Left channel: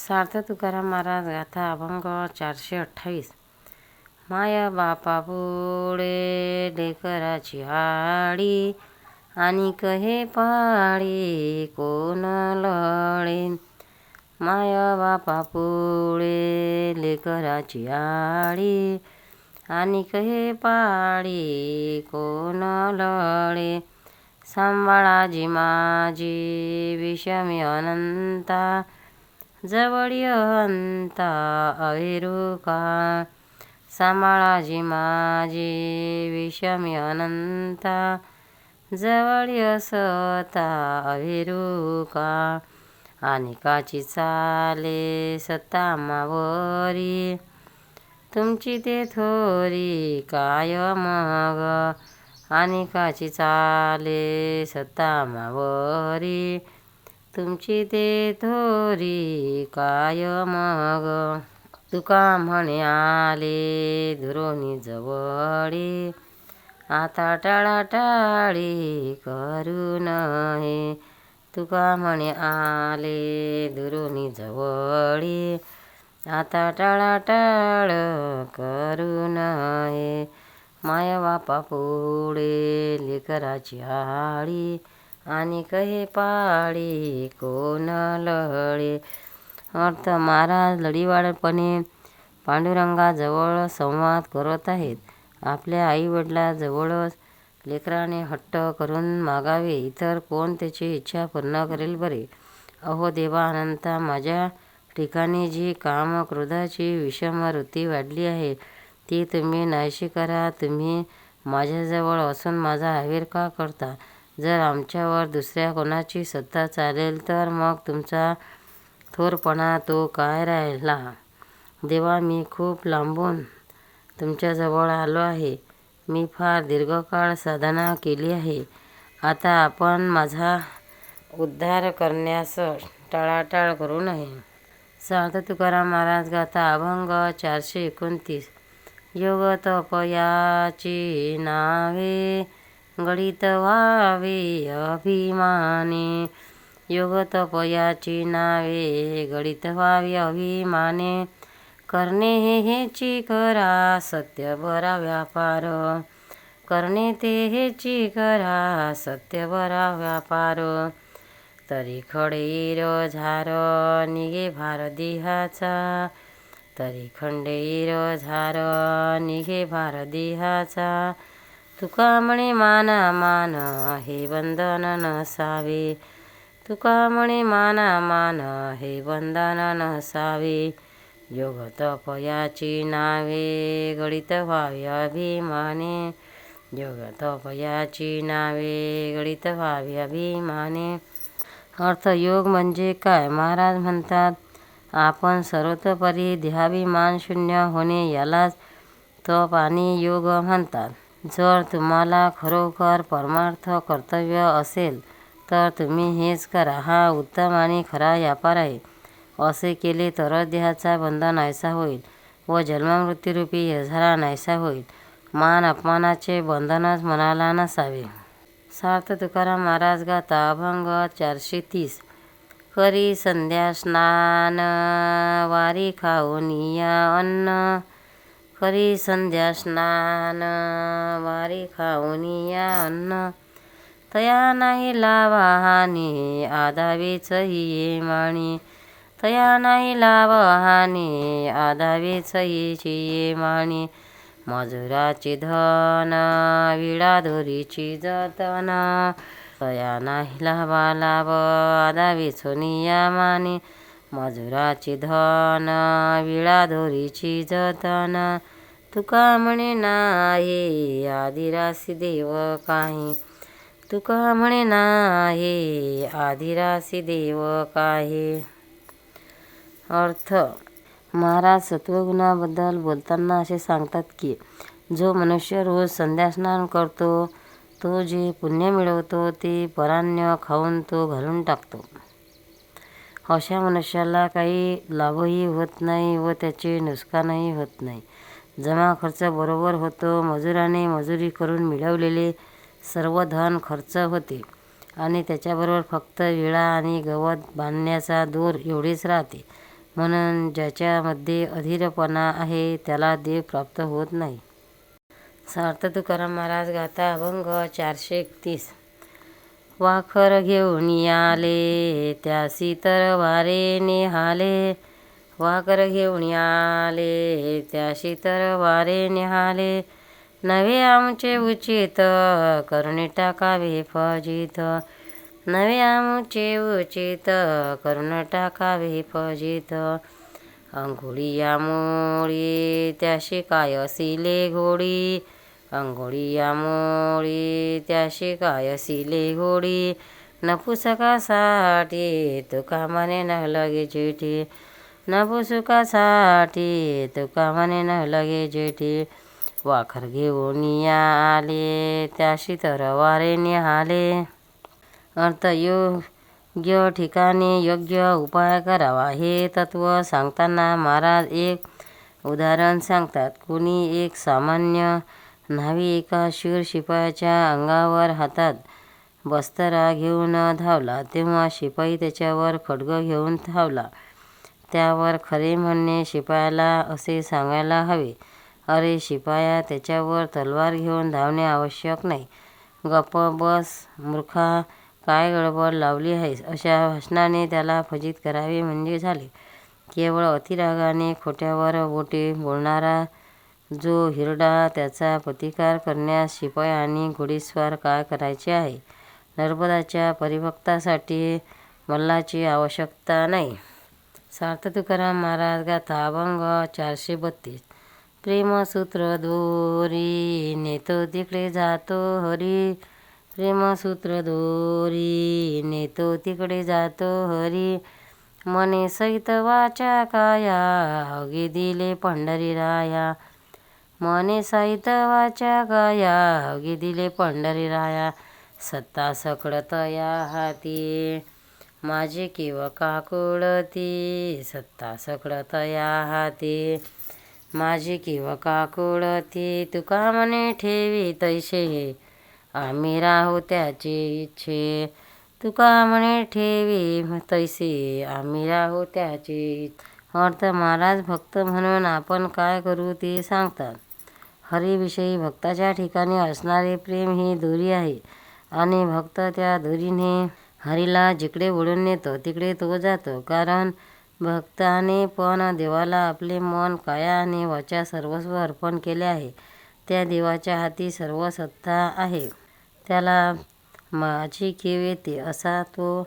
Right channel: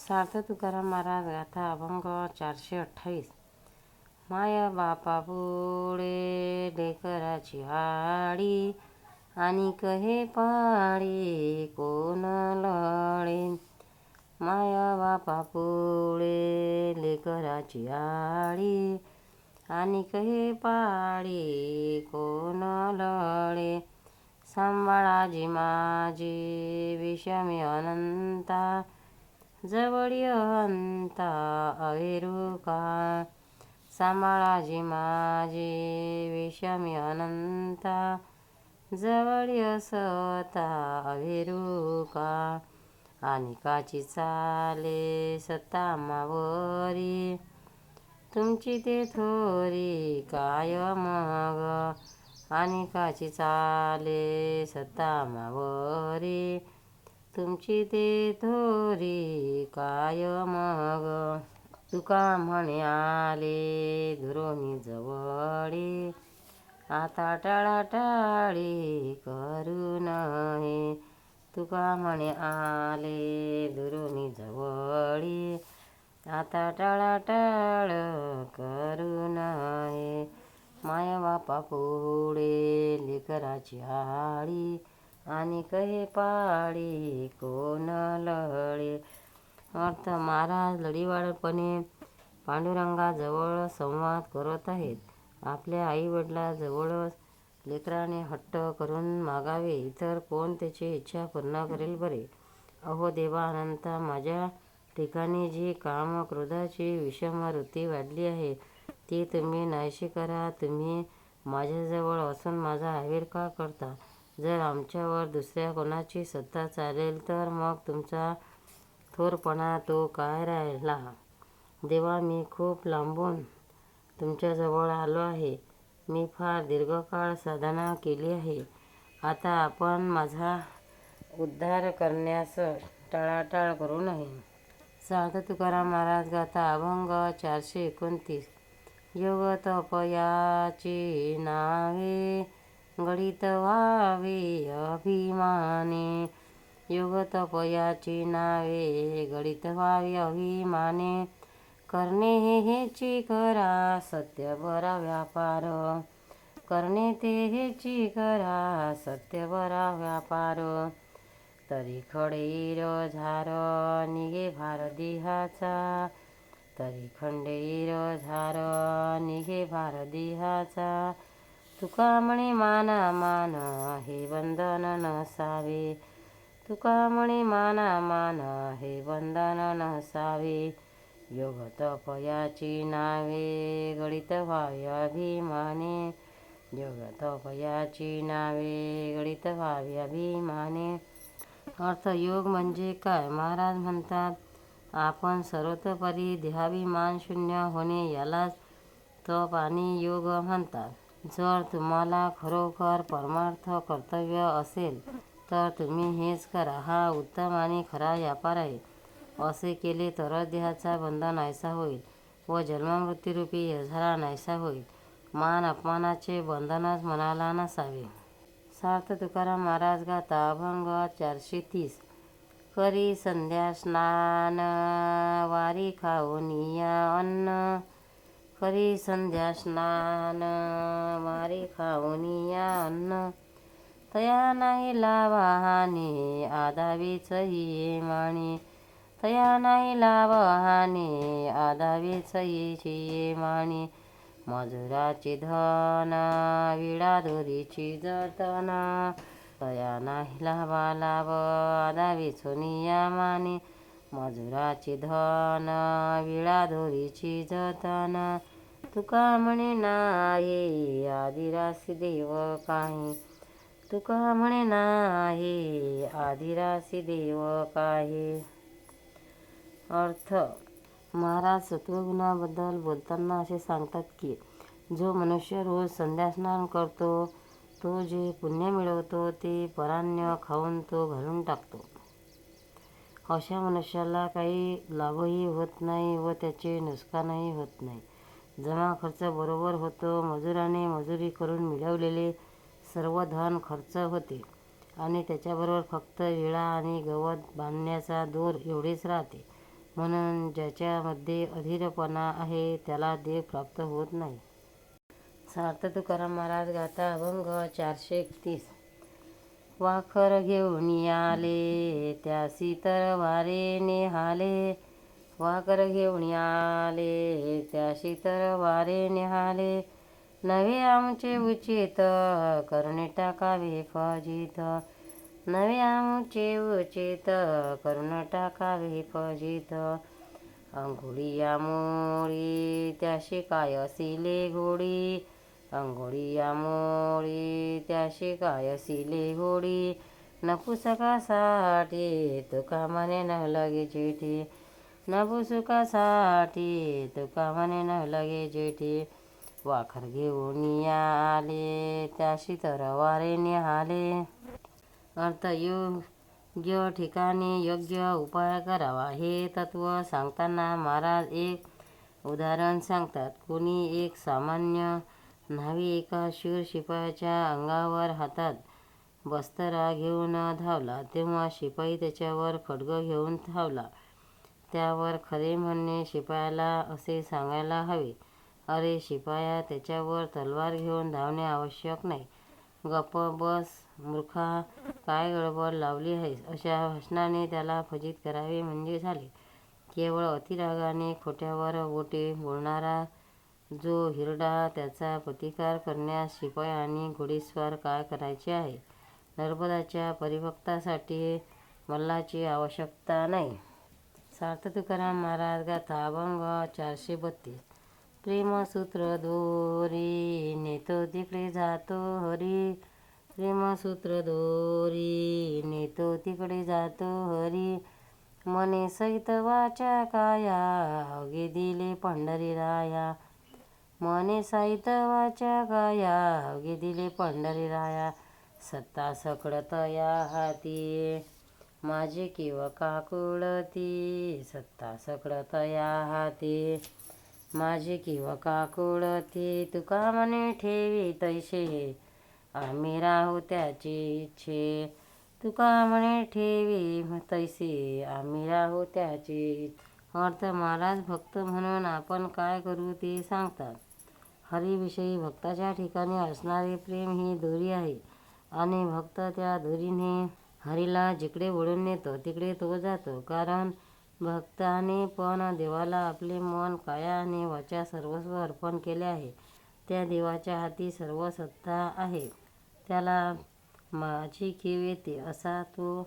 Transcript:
सार्थ तुकाराम महाराज गाथा अभंग चारशे अठ्ठावीस. माया बापा पुढे लेकराची आडी आणि कहे पाळी कोण लळे? माया बापा पुढे लेकराची आडी आणि कहे पाळी कोण लळे? सांभाळाजी माझी विषमी अनंता जवळी अंता अविरुका सांभाळाजी माझी विषमी अनंता. जवळी असता अविरुका आणि काची चाले सत्ता मावरी? तुमची ते थोरी काय मग? आणि काची चाले सत्ता मावरी? तुमची ते थोरी काय मग? तुका म्हणे आले धुरोनी जवळी. आता टाळाटाळी करू नये. तुका म्हणे आले धुरोनी जवळी. आता टाळाटाळ करू नये. माय बापा पुढे लेकराची आळी आणि कहे पाळी कोण लळे? अर्थ महाराज लढीवाळपणे पांडुरंगाजवळ संवाद करत आहेत. आपल्या आईवडिलाजवळच लेकराने हट्ट करून मागावे इतर कोण त्याची इच्छा पूर्ण करेल बरे? अहो देवा अनंता माझ्या ठिकाणी जी काम क्रोधाची विषम वृत्ती वाढली आहे ती तुम्ही नाहीशी करा तुम्ही माझ्याजवळ असून माझा आविर का करता. जर आमच्यावर दुसऱ्या कोणाची सत्ता चालेल तर मग तुमचा थोरपणा तो काय राहिला? देवा मी खूप लांबून तुमच्याजवळ आलो आहे. मी फार दीर्घकाळ साधना केली आहे. आता आपण माझा उद्धार करण्यास टाळाटाळ करू नये. सांत तुकाराम महाराज गाथा अभंग चारशे एकोणतीस. योग तपयाची नावे गणित व्हावे अभिमाने. योग तपयाची नावे गणित व्हावी अभिमाने. करणे हे हेची करा सत्य बरा व्यापार करणे ते हेची करा सत्य बरा व्यापार तरी खडेर झार निघे भार देहाचा. तरी खंडेर झार निघे भार देहाचा. तुका म्हणे माना मान हे बंधन नसावे तुका म्हणे माना मान हे बंधन नसावे योग तपयाची नावे गणित व्हावे अभिमाने. योग तपयाची नावे गणित व्हावे अभिमाने. अर्थ योग म्हणजे काय? महाराज म्हणतात आपण सर्वतोपरी देहाभिमान शून्य होणे यालाच तप आणि योग म्हणतात. जर तुम्हाला खरोखर परमार्थ कर्तव्य असेल तर तुम्ही हेच करा. हा उत्तम आणि खरा व्यापार आहे. असे केले तरच देहाचा बंधन नाहीसा होईल व जन्ममृत्यूरूपी यझारा नाहीसा होईल. मान अपमानाचे बंधनच मनाला नसावे. सार्थ तुकाराम महाराज गाता अभंग चारशे तीस. करी संध्या स्नान वारी खाऊन या अन्न. करी संध्या स्नान वारी खाऊन या अन्न. तया नाही लावा हानी आदावेच ये माणी तया नाही लावा हानी आदावेच ये माणी मजुराची धन विडाधोरीची जतन. तया नाही लावा लाव आदावे सोनिया माने मजुराची धन विडाधोरीची जतन. तुका म्हणे नाही आदिरासी देव काही. तुका म्हणे नाही आदिरासी देव काही. अर्थ महाराज सत्वगुणाबद्दल बोलताना असे सांगतात की जो मनुष्य रोज संध्यास्नान करतो तो जे पुण्य मिळवतो ते परान्य खाऊन तो घालून टाकतो. अशा मनुष्याला काही लाभही होत नाही व त्याचे नुकसानही होत नाही. जमा खर्च बरोबर होतो मजुराने मजुरी करून मिळवलेले सर्व धन खर्च होते आणि त्याच्याबरोबर फक्त विळा आणि गवत बांधण्याचा दोर एवढेच राहते. म्हणून ज्याच्यामध्ये अधीरपणा आहे त्याला देव प्राप्त होत नाही. सार्थ तुकाराम महाराज गाथा अभंग चारशे एकतीस. वाखर घेऊन आले त्यासी शीतर वारे निहाले. वाखर घेऊन आले त्याशी तर वारे निहाले. नवे आमचे उचित करुणे टाकावे फजित. नवे आमचे उचित करुण टाकावे फजित. अंघोळी आमोळी त्याशी काय असिले घोडी. अंघोळी या मोळी त्याशी काय असिले घोडी नपुसकासाठी तुका म्हणे न लगे जेठी नपुसुकासाठी तुका म्हणे न लगे जेठी वाखर घेऊन आले त्याशी तर वारे निहाले. अर्थ योग्य ठिकाणी योग्य उपाय करावा हे तत्व सांगताना महाराज एक उदाहरण सांगतात. कुणी एक सामान्य न्हावी एका शूर शिपायाच्या अंगावर हातात बस्तरा घेऊन धावला. तेव्हा शिपाई त्याच्यावर खड्ग घेऊन धावला. त्यावर खरे म्हणणे शिपायाला असे सांगायला हवे. अरे शिपाया त्याच्यावर तलवार घेऊन धावणे आवश्यक नाही. गप्प बस मूर्खा काय गडबड लावली आहेस? अशा भाषणाने त्याला फजित करावे म्हणजे झाले. केवळ अतिरागाने खोट्यावर बोटे बोलणारा जो हिरडा त्याचा प्रतिकार करण्यास शिपाई आणि घोडेस्वार काय करायचे आहे? नर्मदाच्या परिभक्तासाठी मल्लाची आवश्यकता नाही. सार्थ तुकाराम महाराज गाथा अभंग चारशे बत्तीस. प्रेमसूत्र दोरी नेतो तिकडे जातो हरी. प्रेमसूत्र दोरी नेतो तिकडे जातो हरी. मने सहित वाचा काया अगे दिले पंढरी राया. मने सहित वाचा काया दिले पंढरी राया सत्ता सकळत या हाती. माझे किव काकुळती सत्ता सकळत या हाती. माझे किव काकुळती तुका मने ठेवी तैसे आम्ही राहू त्याची इच्छे तुका म्हणे ठेवी तैसे आम्ही राहू त्याची अर्थ महाराज भक्त म्हणून आपण काय करू ते सांगतात. हरीविषयी भक्ताच्या ठिकाणी असणारे प्रेम ही दोरी आहे. आणि भक्त त्या दोरीने हरीला जिकडे ओढून नेतो तिकडे तो जातो. कारण भक्ताने पण देवाला आपले मन काया आणि वाचा सर्वस्व अर्पण केले आहे. त्या देवाच्या हाती सर्व सत्ता आहे. त्याला माझी कीव येते असा तो